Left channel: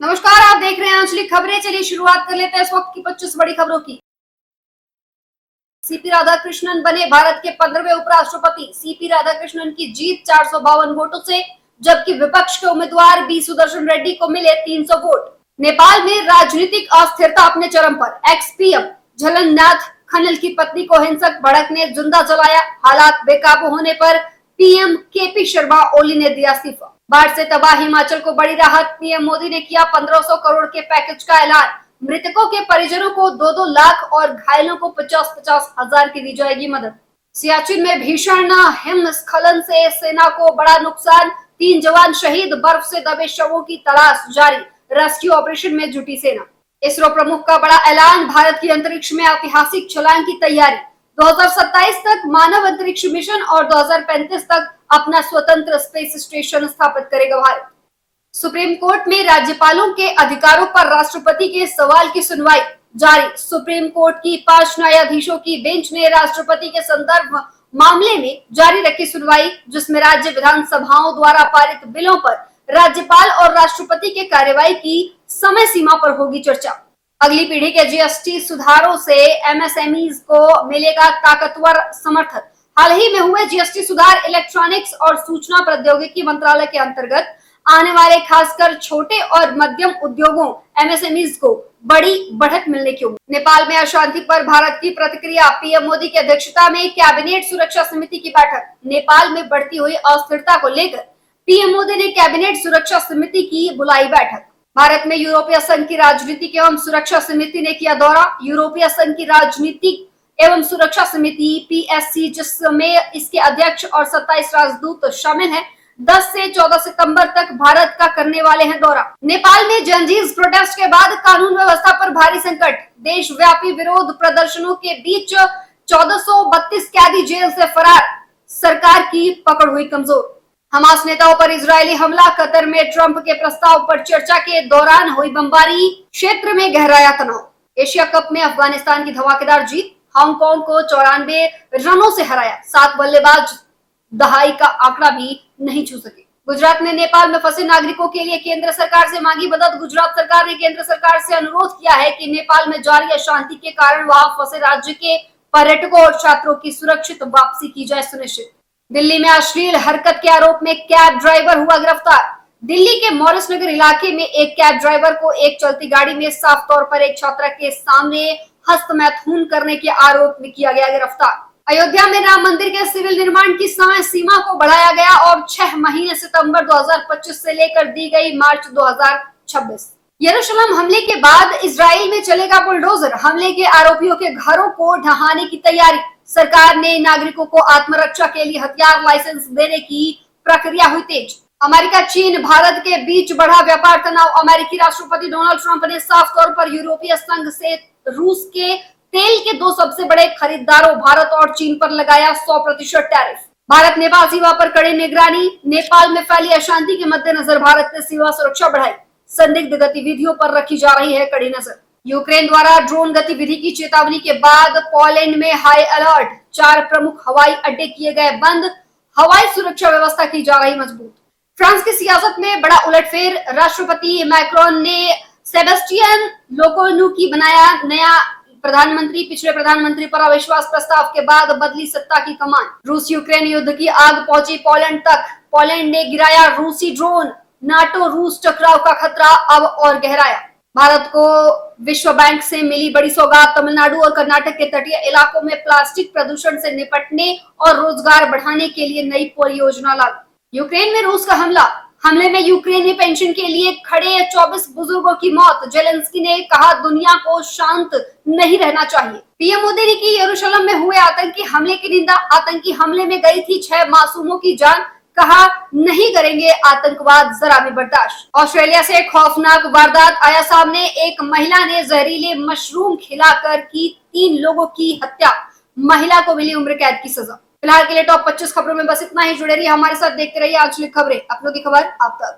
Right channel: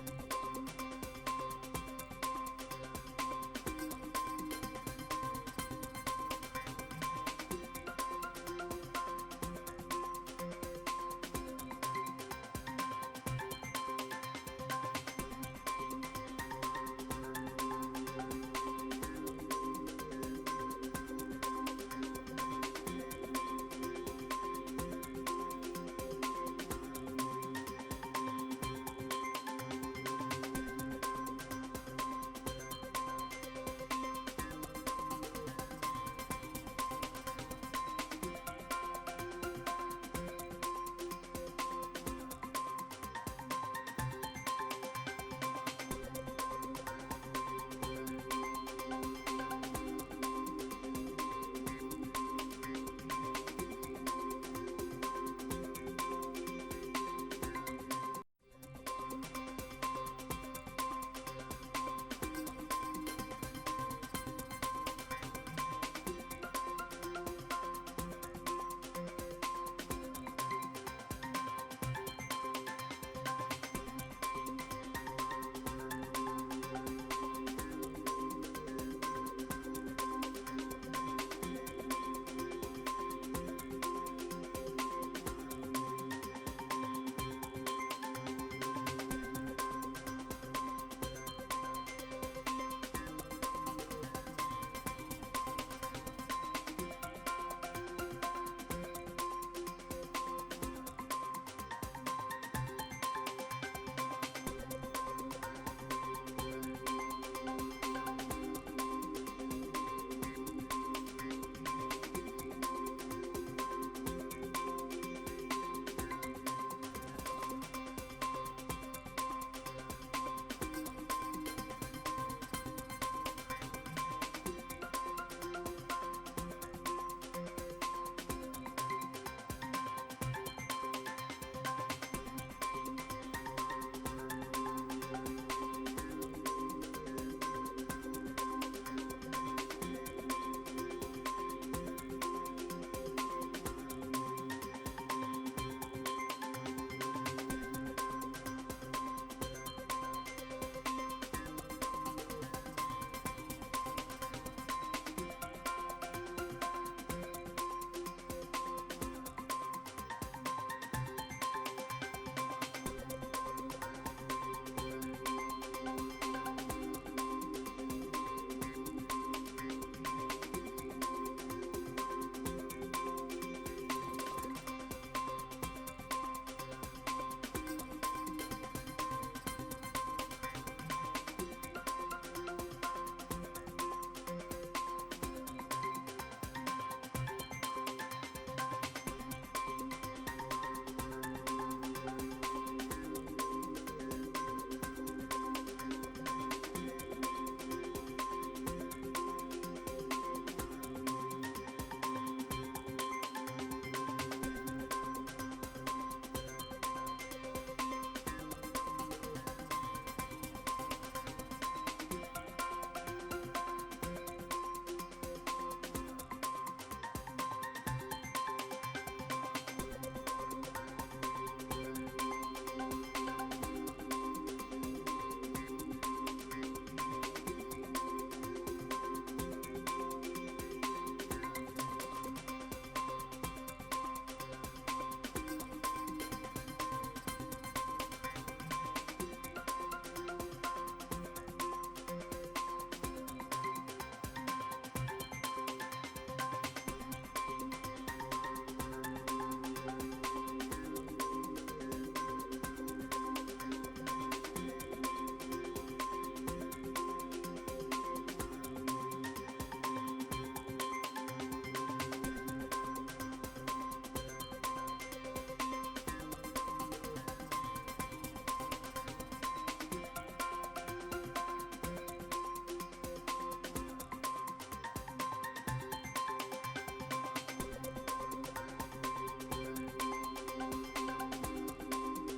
नमस्कार, आप देख रहे हैं आंचलिक खबरें। चलिए शुरुआत कर लेते हैं इस वक्त की 25 बड़ी खबरों की। सीपी राधाकृष्णन बने भारत के 15वें उपराष्ट्रपति। सीपी राधाकृष्णन की जीत 452 वोटों से, जबकि विपक्ष के उम्मीदवार बी सुदर्शन रेड्डी को मिले 300 वोट। नेपाल में राजनीतिक अस्थिरता अपने चरम पर। एक्स पीएम झलननाथ खनल की पत्नी को हिंसक भड़क ने जिंदा जलाया। हालात बेकाबू होने पर पीएम केपी शर्मा ओली ने दिया इस्तीफा। बाढ़ से तबाह हिमाचल को बड़ी राहत। पीएम मोदी ने किया 1500 करोड़ के पैकेज का ऐलान। मृतकों के परिजनों को 2-2 लाख और घायलों को 50-50 हजार की दी जाएगी मदद। सियाचिन में भीषण हिमस्खलन से सेना को बड़ा नुकसान। 3 जवान शहीद। बर्फ से दबे शवों की तलाश जारी। रेस्क्यू ऑपरेशन में जुटी सेना। इसरो प्रमुख का बड़ा ऐलान। भारत की अंतरिक्ष में ऐतिहासिक छलांग की तैयारी। 2027 तक मानव अंतरिक्ष मिशन और 2035 तक अपना स्वतंत्र स्पेस स्टेशन स्थापित करेगा भारत। सुप्रीम कोर्ट में राज्यपालों के अधिकारों पर राष्ट्रपति के सवाल की सुनवाई जारी। सुप्रीम कोर्ट की 5 न्यायाधीशों की बेंच ने राष्ट्रपति के संदर्भ मामले में जारी रखी सुनवाई, जिसमें राज्य विधानसभाओं द्वारा पारित बिलों पर राज्यपाल और राष्ट्रपति के कार्यवाही की समय सीमा पर होगी चर्चा। अगली पीढ़ी के जीएसटी सुधारों से एमएसएमईज को मिलेगा ताकतवर समर्थन। हाल ही में हुए जीएसटी सुधार इलेक्ट्रॉनिक्स और सूचना प्रौद्योगिकी मंत्रालय के अंतर्गत आने वाले खासकर छोटे और मध्यम उद्योगों एमएसएमईज को बड़ी बढ़त मिलने की उम्मीद। नेपाल में अशांति पर भारत की प्रतिक्रिया। पीएम मोदी की अध्यक्षता में कैबिनेट सुरक्षा समिति की बैठक। नेपाल में बढ़ती हुई अस्थिरता को लेकर पीएम मोदी ने कैबिनेट सुरक्षा समिति की बुलाई बैठक। भारत में यूरोपीय संघ की राजनीतिक एवं सुरक्षा समिति ने किया दौरा। यूरोपीय संघ की राजनीतिक एवं सुरक्षा समिति पीएससी, जिसमें इसके अध्यक्ष और 27 राजदूत शामिल हैं, 10 से 14 सितंबर तक भारत का करने वाले हैं दौरा। नेपाल में जनजीज प्रोटेस्ट के बाद कानून व्यवस्था पर भारी संकट। देशव्यापी विरोध प्रदर्शनों के बीच 1432 कैदी जेल से फरार। सरकार की पकड़ हुई कमजोर। हमास नेताओं पर इजरायली हमला। कतर में ट्रंप के प्रस्ताव पर चर्चा के दौरान हुई बमबारी। क्षेत्र में गहराया तनाव। एशिया कप में अफगानिस्तान की धमाकेदार जीत। हांगकांग को 94 रनों से हराया। 7 बल्लेबाज दहाई का आंकड़ा भी नहीं छू सके। गुजरात में नेपाल में फंसे नागरिकों के लिए केंद्र सरकार से मांगी मदद। गुजरात सरकार ने केंद्र सरकार से अनुरोध किया है कि नेपाल में जारी अशांति के कारण वहां फंसे राज्य के पर्यटकों और छात्रों की सुरक्षित वापसी की जाए सुनिश्चित। दिल्ली में अश्लील हरकत के आरोप में कैब ड्राइवर हुआ गिरफ्तार। दिल्ली के मॉरिस नगर इलाके में एक कैब ड्राइवर को एक चलती गाड़ी में साफ तौर पर एक छात्रा के सामने हस्तमैथुन करने के आरोप में किया गया गिरफ्तार। अयोध्या में राम मंदिर के सिविल निर्माण की समय सीमा को बढ़ाया गया और 6 महीने सितंबर 2025 से लेकर दी गई मार्च 2026। यरूशलेम हमले के बाद इजराइल में चलेगा बुलडोजर। हमले के आरोपियों के घरों को ढहाने की तैयारी। सरकार ने नागरिकों को आत्मरक्षा के लिए हथियार लाइसेंस देने की प्रक्रिया हुई तेज। अमेरिका चीन भारत के बीच बढ़ा व्यापार तनाव। अमेरिकी राष्ट्रपति डोनाल्ड ट्रंप ने साफ तौर पर यूरोपीय संघ से रूस के तेल के 2 सबसे बड़े खरीदारों भारत और चीन पर लगाया 100% टैरिफ। भारत नेपाल सीमा पर कड़ी निगरानी। नेपाल में फैली अशांति के मद्देनजर भारत ने सीमा सुरक्षा बढ़ाई। संदिग्ध गतिविधियों पर रखी जा रही है कड़ी नजर। यूक्रेन द्वारा ड्रोन गतिविधि की चेतावनी के बाद पोलैंड में हाई अलर्ट। 4 प्रमुख हवाई अड्डे किए गए बंद। हवाई सुरक्षा व्यवस्था की जा रही मजबूत। फ्रांस की सियासत में बड़ा उलटफेर। राष्ट्रपति मैक्रोन ने सेबेस्टियन लोकोनू की बनाया नया प्रधानमंत्री। पिछले प्रधानमंत्री पर अविश्वास प्रस्ताव के बाद बदली सत्ता की कमान। रूस यूक्रेन युद्ध की आग पहुंची पोलैंड तक। पोलैंड ने गिराया रूसी ड्रोन। नाटो रूस टकराव का खतरा अब और गहराया। भारत को विश्व बैंक से मिली बड़ी सौगात। तमिलनाडु और कर्नाटक के तटीय इलाकों में प्लास्टिक प्रदूषण से निपटने और रोजगार बढ़ाने के लिए नई परियोजना लागू। यूक्रेन में रूस का हमले में यूक्रेनी पेंशन के लिए खड़े 24 बुजुर्गों की मौत। जेलेंस्की ने कहा दुनिया को शांत नहीं रहना चाहिए। पीएम मोदी ने की यरूशलेम में हुए आतंकी हमले की निंदा। आतंकी हमले में गई थी 6 मासूमों की जान। कहा नहीं करेंगे आतंकवाद जरा भी बर्दाश्त। ऑस्ट्रेलिया से खौफनाक वारदात आया सामने। एक महिला ने जहरीले मशरूम खिलाकर की 3 लोगों की हत्या। महिला को मिली उम्र कैद की सजा। फिलहाल के लिए टॉप 25 खबरों में बस इतना ही। जुड़े रहिए हमारे साथ, देखते रहिए आंचलिक खबरें, अपनों की खबर आपका।